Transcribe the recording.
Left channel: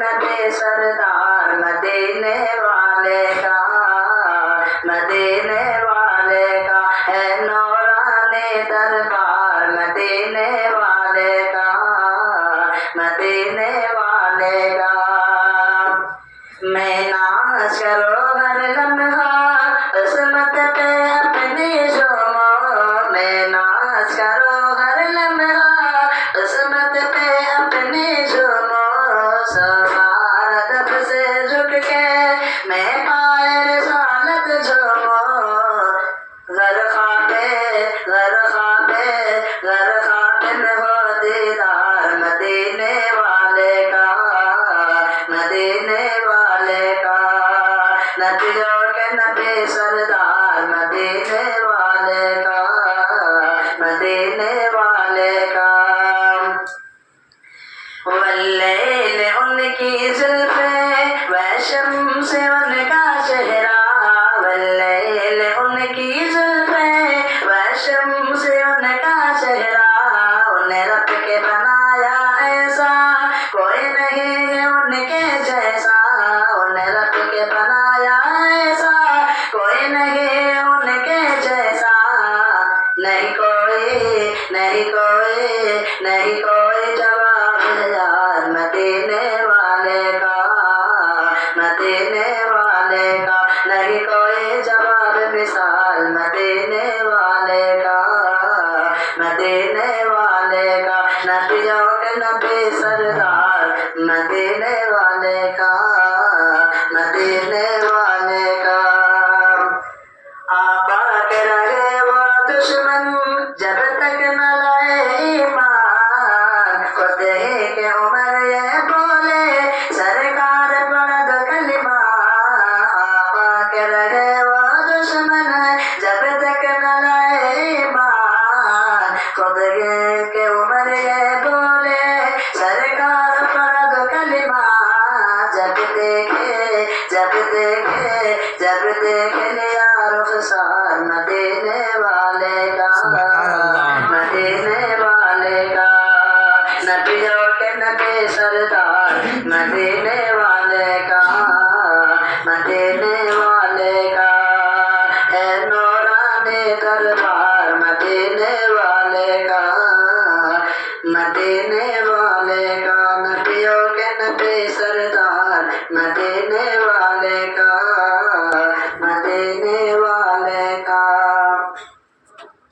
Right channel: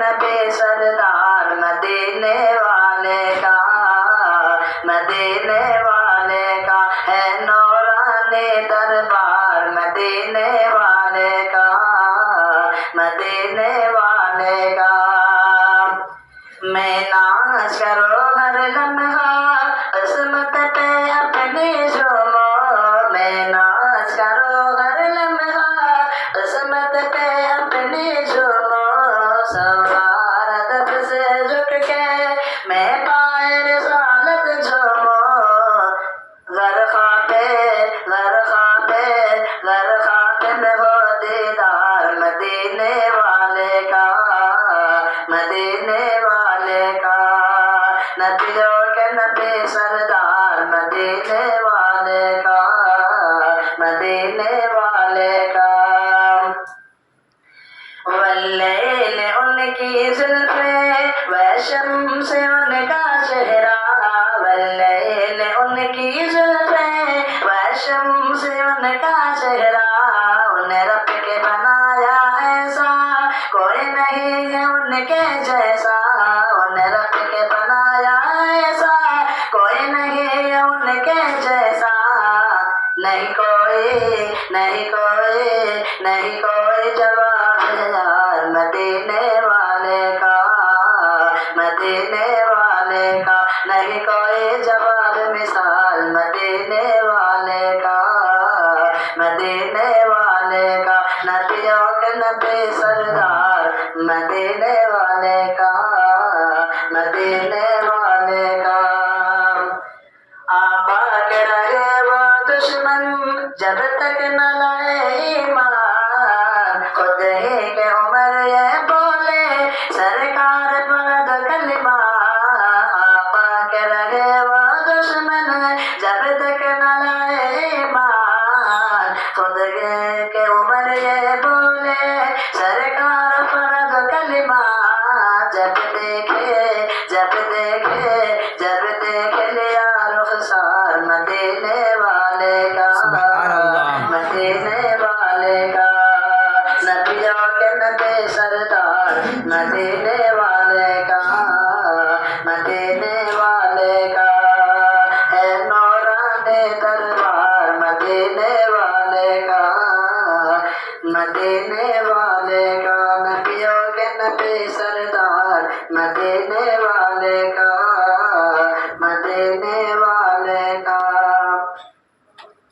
नबी सरदार मदीने वाले का है नौरानी दरबार मदीने वाले का मैं नाच करो हर लम्हा किस्मत पे अपनी झूमो मैं नाच करो हर लम्हा किस्मत पे अपनी झूमो सवार अदब से झुक के मैं पाए रिसालत झूमो घर ख्वाबे में हो दीदार मदीने वाले का नबियों के नबी सरदार मदीने वाले का वल्लैल उनकी जुल्फे वशम्स उनका चेहरा वल्लैल उनकी जुल्फे वशम्स उनका चेहरा उन्हें रब के बनाया ऐसा कोई नहीं है उनके जैसा उन्हें रब के बनाया ऐसा कोई नहीं है उनके जैसा नहीं कोई जवाब यार मदीने वाले का नहीं कोई जवाब मिसाल मदीने वाले का नबियों के नबी सरदार मदीने वाले का आबा के रहे वो दुश्मन जब तक न लाए ईमान खुद ही के उमर ये बोले सरकार पढ़ दो कलिमा आबा के रहे वो दुश्मन जब तक न लाए ईमान खुद के उमर ये बोले सरकार पढ़ दो कलिमा जब देखे लिया रुखसार मदीने वाले का नबियों के नबी सरदार मदीने वाले का है नौरानी दरबार मदीने वाले का नबियों के नबी सरदार मदीने वाले का